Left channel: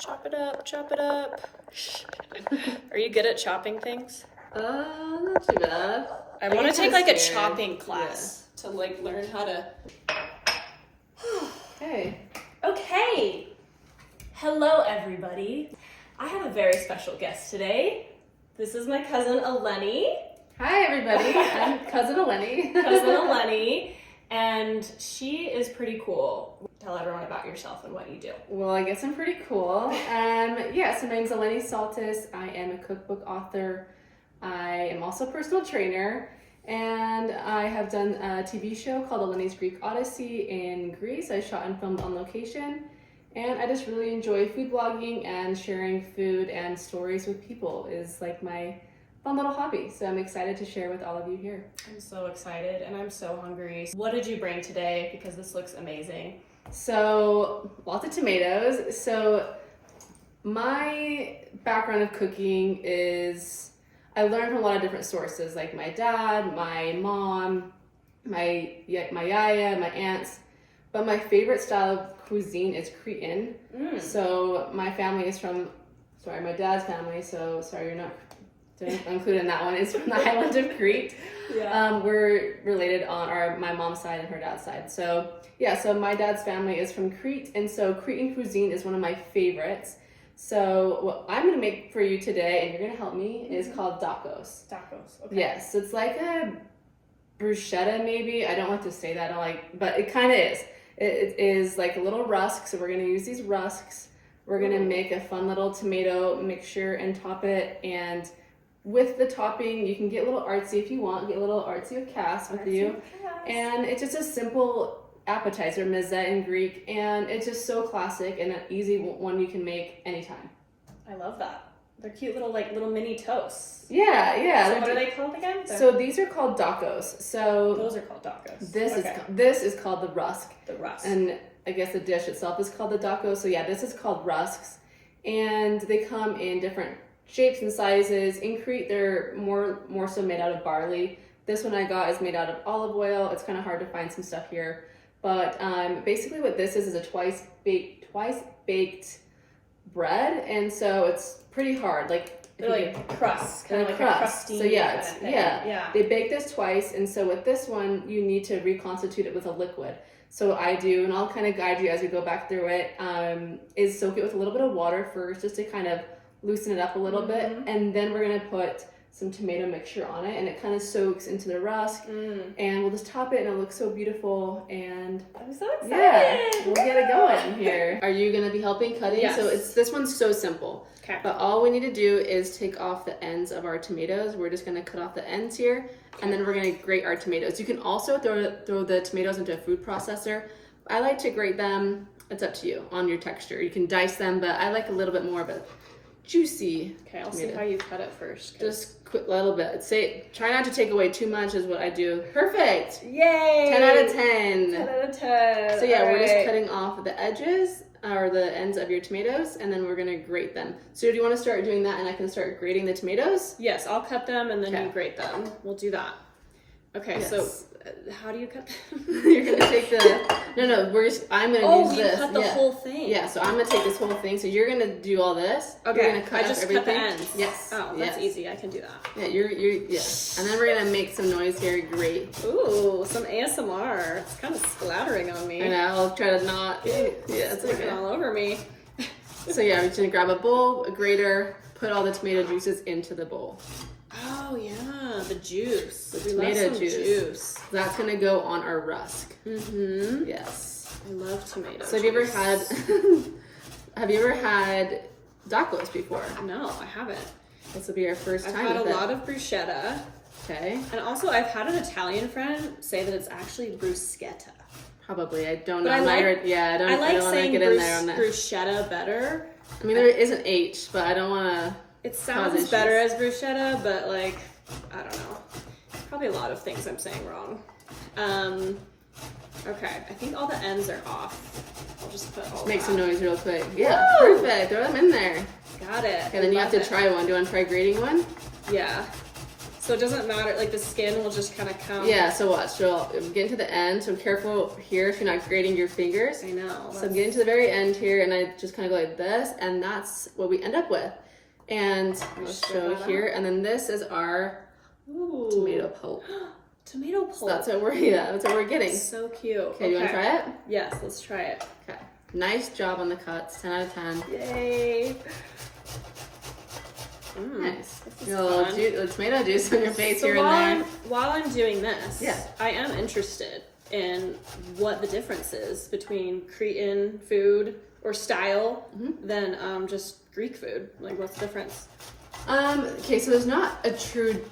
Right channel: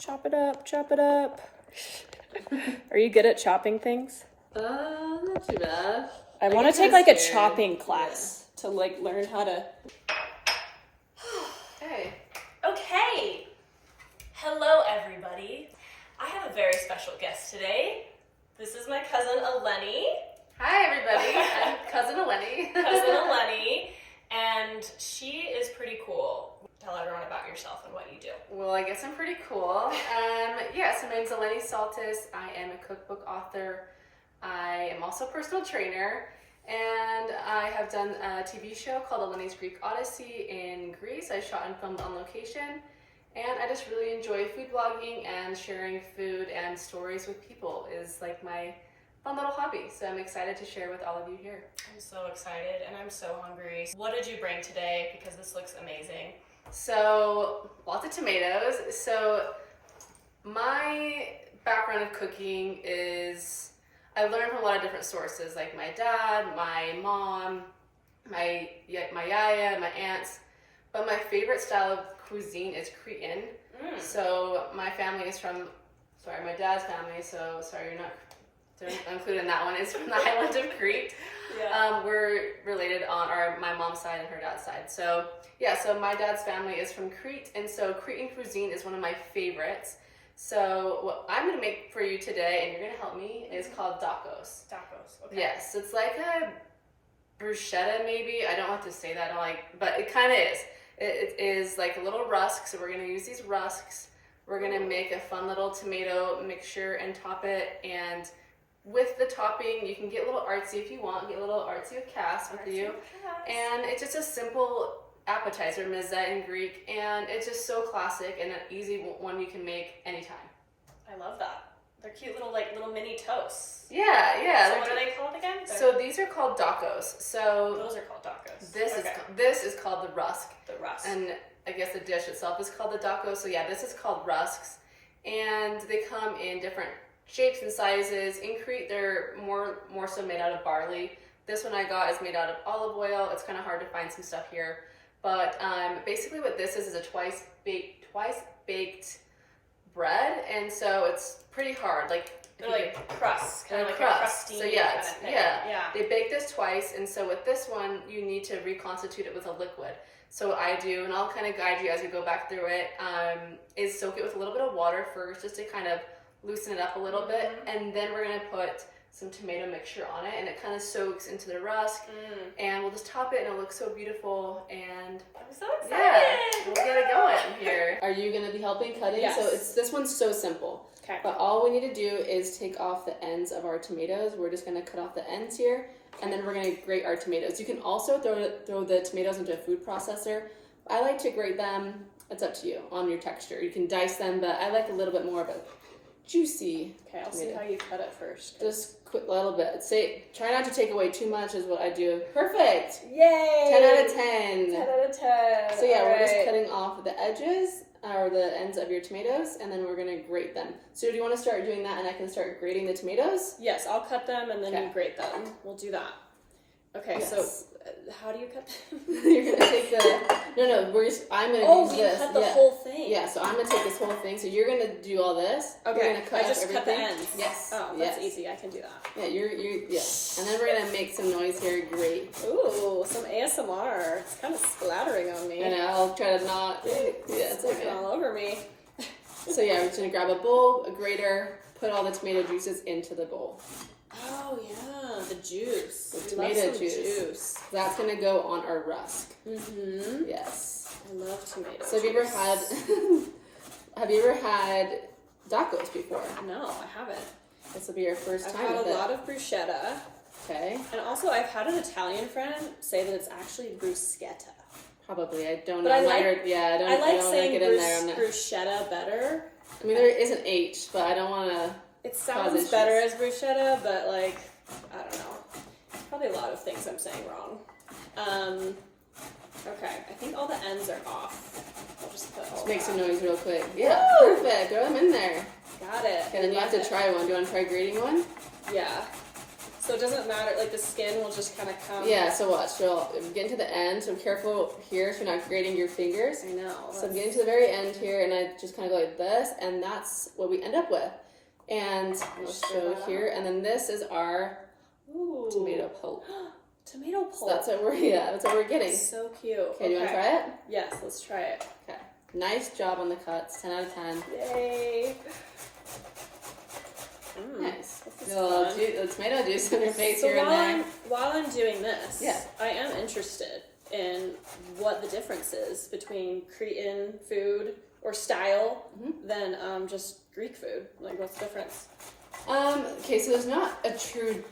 Chop it up, chop it up. Are you good at chopping things? Not too bad. I want to take like a chopping class to like learn how to. Hey. Okay. Hello, everybody. I have a very special guest today. This is my cousin Eleni. Hi, everybody. I'm cousin Eleni. Cousin Eleni, and she is pretty cool. Tell everyone about yourself and what you do. Well, I guess I'm pretty cool. So my name's Eleni Saltis. I am a cookbook author. I am also a personal trainer, and I have done a TV show called Eleni's Greek Odyssey in Greece. I shot and filmed on location, and I just really enjoy food blogging, and sharing food and stories with people is like my fun little hobby. So I'm excited to share with all of you here. I'm so excited, and I'm so hungry. What did you bring today? Because this looks amazing. So lots of tomatoes. So my background of cooking is I learned from a lot of different sources, like my dad, my mom, my yaya, my aunts. But my favorite style of cuisine is Cretan. So my family is from, my dad's family, so sorry you're not included in that one, is from the island of Crete. Yeah. We're related on my mom's side and her dad's side. So yeah, so my dad's family is from Crete, and so Cretan cuisine is one of my favorites. So what I'm gonna make for you today, and you're gonna help me, is called Dakos. Dakos. Okay. Yes, it's like a bruschetta maybe. I don't want to say that, but it kind of is. It is like a little rusk, so we're gonna use these rusks. We're gonna make a fun little tomato mixture and top it, and with the topping, you can get a little artsy if you want, get a little artsy of Cass with you. And it's just a simple appetizer, mezze in Greek, and it's just so classic and an easy one you can make anytime. I love that. They're cute little mini toasts. Yeah. So what are they called again? So these are called Dakos. So those are called Dakos. This is called the rusk. The rusk. And I guess the dish itself is called the Dakos. So yeah, this is called rusks, and they come in different shapes and sizes. In Crete, they're more so made out of barley. This one I got is made out of olive oil. It's kind of hard to find some stuff here, but basically what this is a twice baked bread, and so it's pretty hard. Like they're like crusts, kind of like crust. A crusty. So yeah, kind of thing. They bake this twice, and so with this one you need to reconstitute it with a liquid. So what I do, and I'll kind of guide you as we go back through it, is soak it with a little bit of water first, just to kind of loosen it up a little bit, and then we're gonna put some tomato mixture on it, and it kind of soaks into the rusk, and we'll just top it, and it'll look so beautiful. And I'm so excited. Yeah, we'll get it going here. Are you gonna be helping cutting? Yes. So this one's so simple. Okay. But all we need to do is take off the ends of our tomatoes. We're just gonna cut off the ends here, and then we're gonna grate our tomatoes. You can also throw the tomatoes into a food processor. I like to grate them. It's up to you on your texture. You can dice them, but I like a little bit more of a juicy. Okay, I'll see how you cut it first. Just quick little bit. Try not to take away too much is what I do. Perfect. Yay! 10 out of 10. 10 out of 10. So yeah, All we're just right. cutting off the edges or the ends of your tomatoes, and then we're gonna grate them. So do you want to start doing that, and I can start grating the tomatoes? Yes, I'll cut them and then Okay. you grate them. We'll do that. Okay, Yes. so how do you cut them? You're gonna take the I'm gonna use this. Cut the whole thing. Yeah, so I'm gonna take this whole thing. So you're gonna do all this. Okay, You're gonna cut I just up everything. cut the ends. Yes. Oh, that's easy. I can do that. Yeah, you're And then we're gonna make some noise here. Great. Ooh, some ASMR. It's kind of splattering on me. And I'll try to not. Yeah, it's It's okay. all over me. So yeah, I'm just gonna grab a bowl, a grater, put all the tomato juices into the bowl. Oh yeah, the juice. The We love tomato some juice. That's gonna go on our rusk. Mm-hmm. Yes. I love tomatoes. So have you ever had Dakos before? No, I haven't. This will be our first I've time had a with lot of bruschetta. Okay. And also I've had an Italian friend say that it's actually bruschetta. Probably. I don't But know. I like I don't saying want to get in there on that. bruschetta better. I mean, there is an H, but I don't want to. It sounds better as bruschetta, but like, I don't know. Probably a lot of things I'm saying wrong. Okay, I think all the ends are off. I'll just put all Make that. some noise real quick. Yeah, Woo! perfect. Throw them in there. Got it. Okay, then you have to try one. Do you want to try grating one? Yeah. So it doesn't matter, like the skin will just kind of come. Yeah, so watch. So I'm getting to the end, so careful here if you're not grating your fingers. I know. So I'm getting to the very end here, and I just kind of go like this, and that's what we end up with. And I'll show here, and then this is our tomato pulp. Tomato pulp. So that's what we're getting. So cute. Okay, do you want to try it? Yes, let's try it. Okay. Nice job on the cuts. 10 out of 10. Yay. Nice. This is Get a little fun. tomato juice on your face So here and there. while I'm doing this, Yeah. I am interested in what the difference is between Cretan food or style than just Greek food. Like, what's the difference? Okay, so there's not a true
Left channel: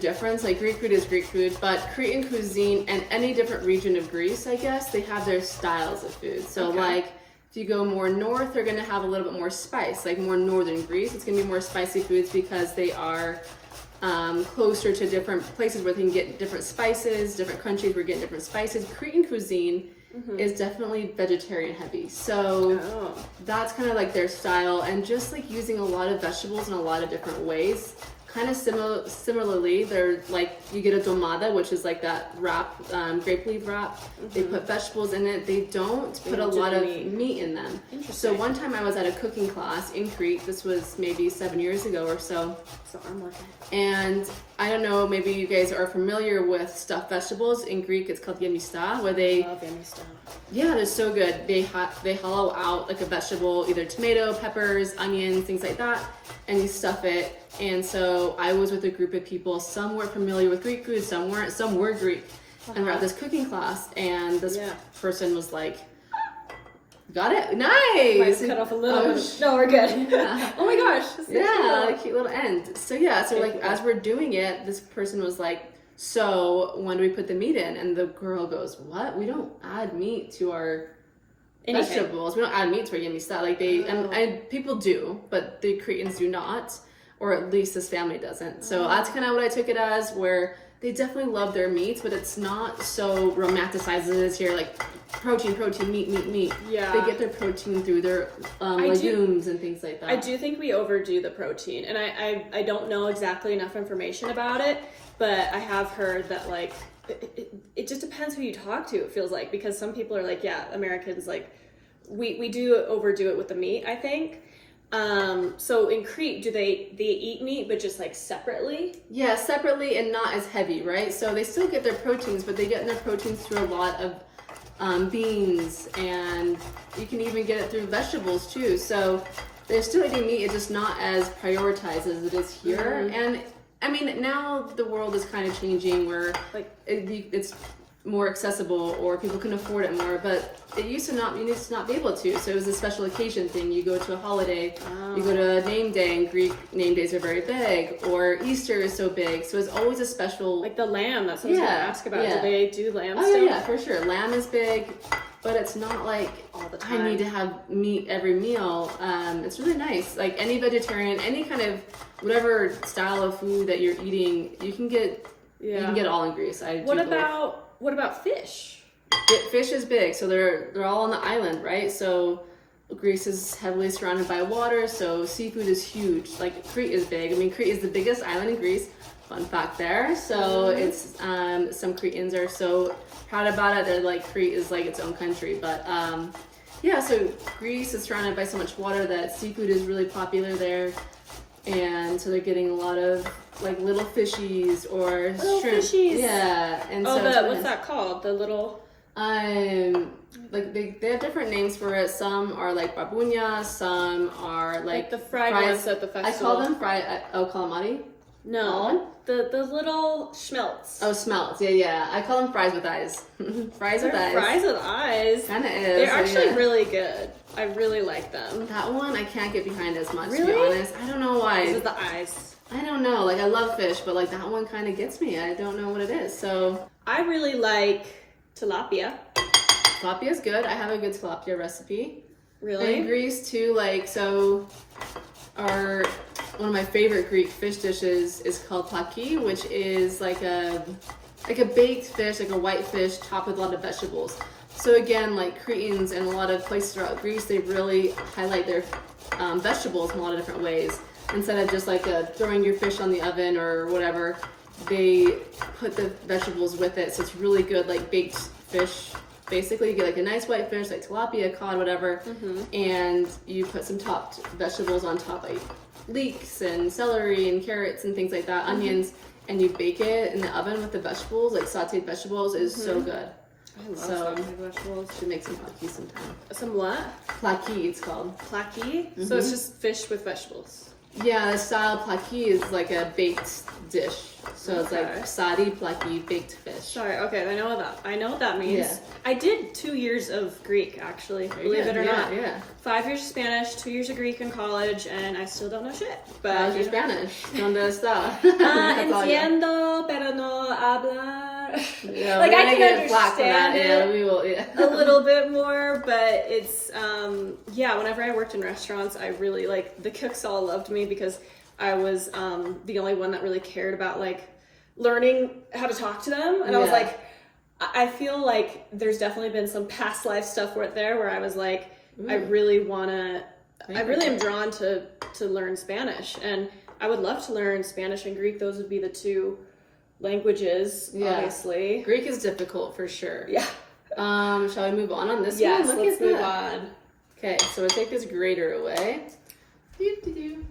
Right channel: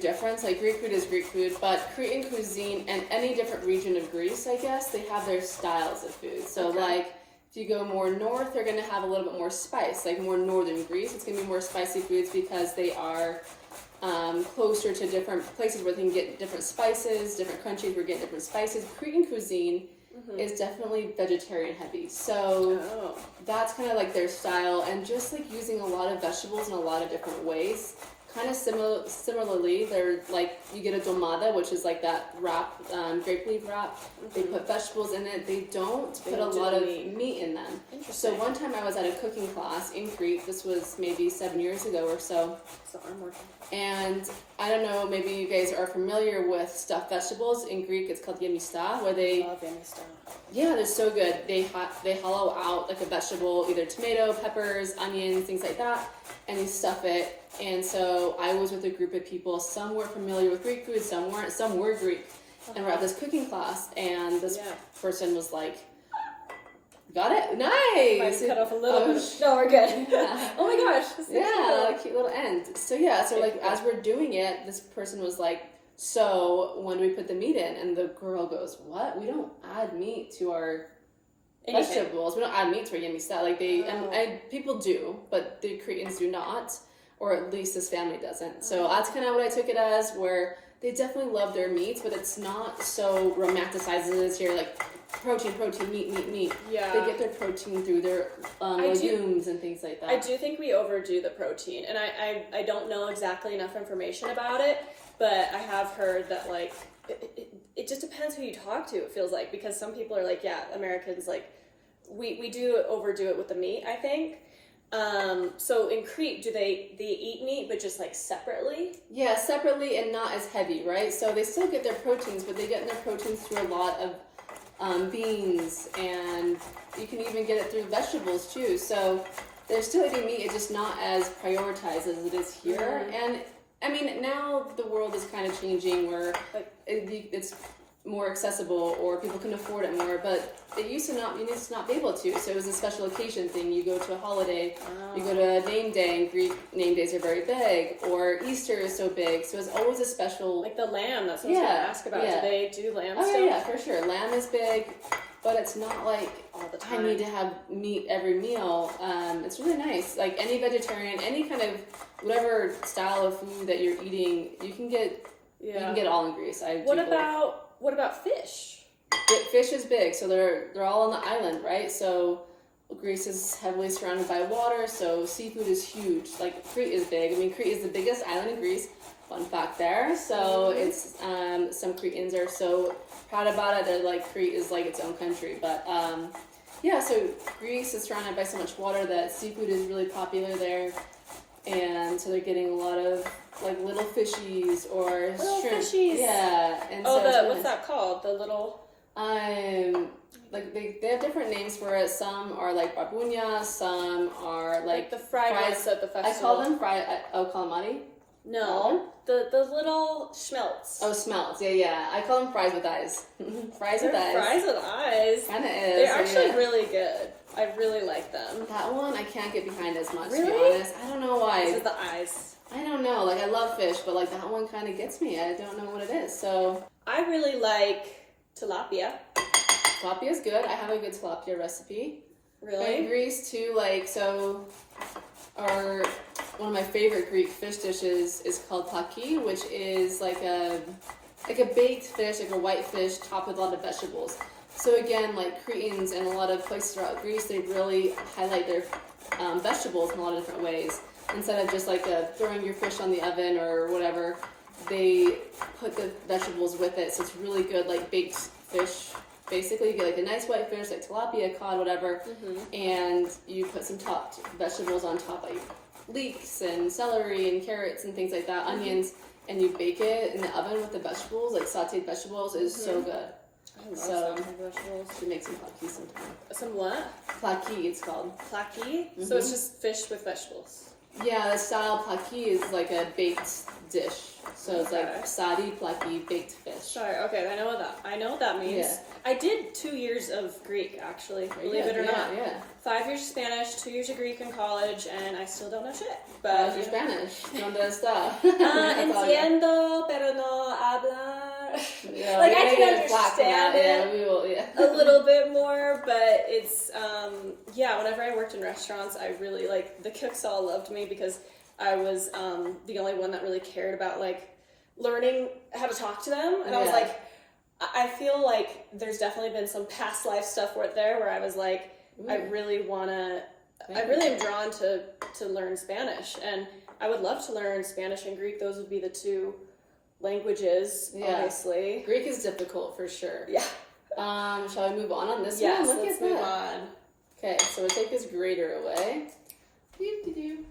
difference. Like Greek food is Greek food, but Cretan cuisine and any different region of Greece, I guess, they have their styles of food. So like if you go more north, they're gonna have a little bit more spice. Like more northern Greece, it's gonna be more spicy foods because they are closer to different places where they can get different spices, different countries where you get different spices. Cretan cuisine is definitely vegetarian heavy. So that's kind of like their style, and just like using a lot of vegetables in a lot of different ways. Kind of similarly, they're like, you get a domada, which is like that wrap, grape leaf wrap. They put vegetables in it. They don't put a lot of meat in them. So one time I was at a cooking class in Crete. This was maybe 7 years ago or so. So I'm working. And I don't know, maybe you guys are familiar with stuffed vegetables. In Greek, it's called yemista, where they... Love yemista. Yeah, they're so good. They hollow out like a vegetable, either tomato, peppers, onions, things like that, and you stuff it. And so I was with a group of people. Some were familiar with Greek food, some weren't. Some were Greek. And we're at this cooking class, and this person was like, "Got it, nice." Might cut off a little bit. No, we're good. Yeah. Oh my gosh. Yeah, cute little end. So yeah, so like as we're doing it, this person was like, "So when do we put the meat in?" And the girl goes, "What? We don't add meat to our vegetables. We don't add meat to our yemista." Like they and people do, but the Cretans do not, or at least this family doesn't. So that's kind of what I took it as, where they definitely love their meats, but it's not so romanticized as it is here, like protein, meat. Yeah. They get their protein through their legumes and things like that. I do think we overdo the protein, and I don't know exactly enough information about it, but I have heard that like it just depends who you talk to, it feels like, because some people are like, yeah, Americans, like we do overdo it with the meat, I think. So in Crete, do they eat meat but just like separately? Yeah, separately and not as heavy, right? So they still get their proteins, but they get their proteins through a lot of beans, and you can even get it through vegetables too. So they're still eating meat, it's just not as prioritized as it is here. And I mean, now the world is kind of changing where like it's more accessible, or people can afford it more, but it used to not, you used to not be able to. So it was a special occasion thing. You go to a holiday, you go to a name day, and Greek name days are very big, or Easter is so big. So it's always a special, like the lamb, that's what I was gonna ask about. Do they do lamb still? still? Yeah, for sure. Lamb is big, but it's not like all the time. I need to have meat every meal. It's really nice. Like any vegetarian, any kind of whatever style of food that you're eating, you can get all in Greece. What about fish? Fish is big, so they're all on the island, right? So Greece is heavily surrounded by water, so seafood is huge. Like Crete is big. I mean, Crete is the biggest island in Greece. Fun fact there. So it's some Cretans are so proud about it. They're like, Crete is like its own country. But yeah, so Greece is surrounded by so much water that seafood is really popular there, and so they're getting a lot of like little fishies or shrimp. Fishies. Yeah, and so what's that called? The little like they have different names for it. Some are like babunya, some are like the fried ones at the festival. I call them fried. Oh, calamari. No, the little schmelts. Oh, smelts. Yeah. I call them fries with eyes. Fries with eyes. Fries with eyes. Kind of is. They're actually really good. I really like them. That one I can't get behind as much, really? to be honest. I don't know why. Is it the eyes? I don't know. Like I love fish, but like that one kind of gets me. I don't know what it is. So I really like tilapia. Tilapia is good. I have a good tilapia recipe. Really? In Greece too, like so. One of my favorite Greek fish dishes is called plaki, which is like a baked fish, like a white fish topped with a lot of vegetables. So again, like Cretans and a lot of places throughout Greece, they really highlight their vegetables in a lot of different ways. instead of just like throwing your fish on the oven or whatever, they put the vegetables with it. So it's really good, like baked fish. Basically, you get like a nice white fish, like tilapia, cod, whatever, and you put some topped vegetables on top, like leeks and celery and carrots and things like that, onions, and you bake it in the oven with the vegetables, like sauteed vegetables. It is so good. I love So sauteed vegetables. should make some plaki sometime. Some what? Plaki, it's called. Plaki? So it's just fish with vegetables. Yeah, the style plaki is like a baked dish. So it's Okay. like sari plaki, baked fish. Sorry, okay, I know that. I know what that means. Yeah. I did 2 years of Greek, actually, believe it or not. Yeah. 5 years of Spanish, 2 years of Greek in college, and I still don't know shit. But How's your Spanish? ¿Dónde está? Entiendo, pero no hablar. Yeah, Like, we're I gonna can get flack for understand that. Yeah, it we will. Yeah. a little bit more, but it's whenever I worked in restaurants, I really like the cooks all loved me because I was the only one that really cared about like learning how to talk to them, and I was Yeah. like, I feel like there's definitely been some past life stuff where I was like, I really am drawn to learn Spanish, and I would love to learn Spanish and Greek. Those would be the two languages, obviously. Greek is difficult for sure. Yeah. Shall we move on this Yes, one? Look let's at move that. on. Okay, so we'll take this grater away. Doo-doo-doo.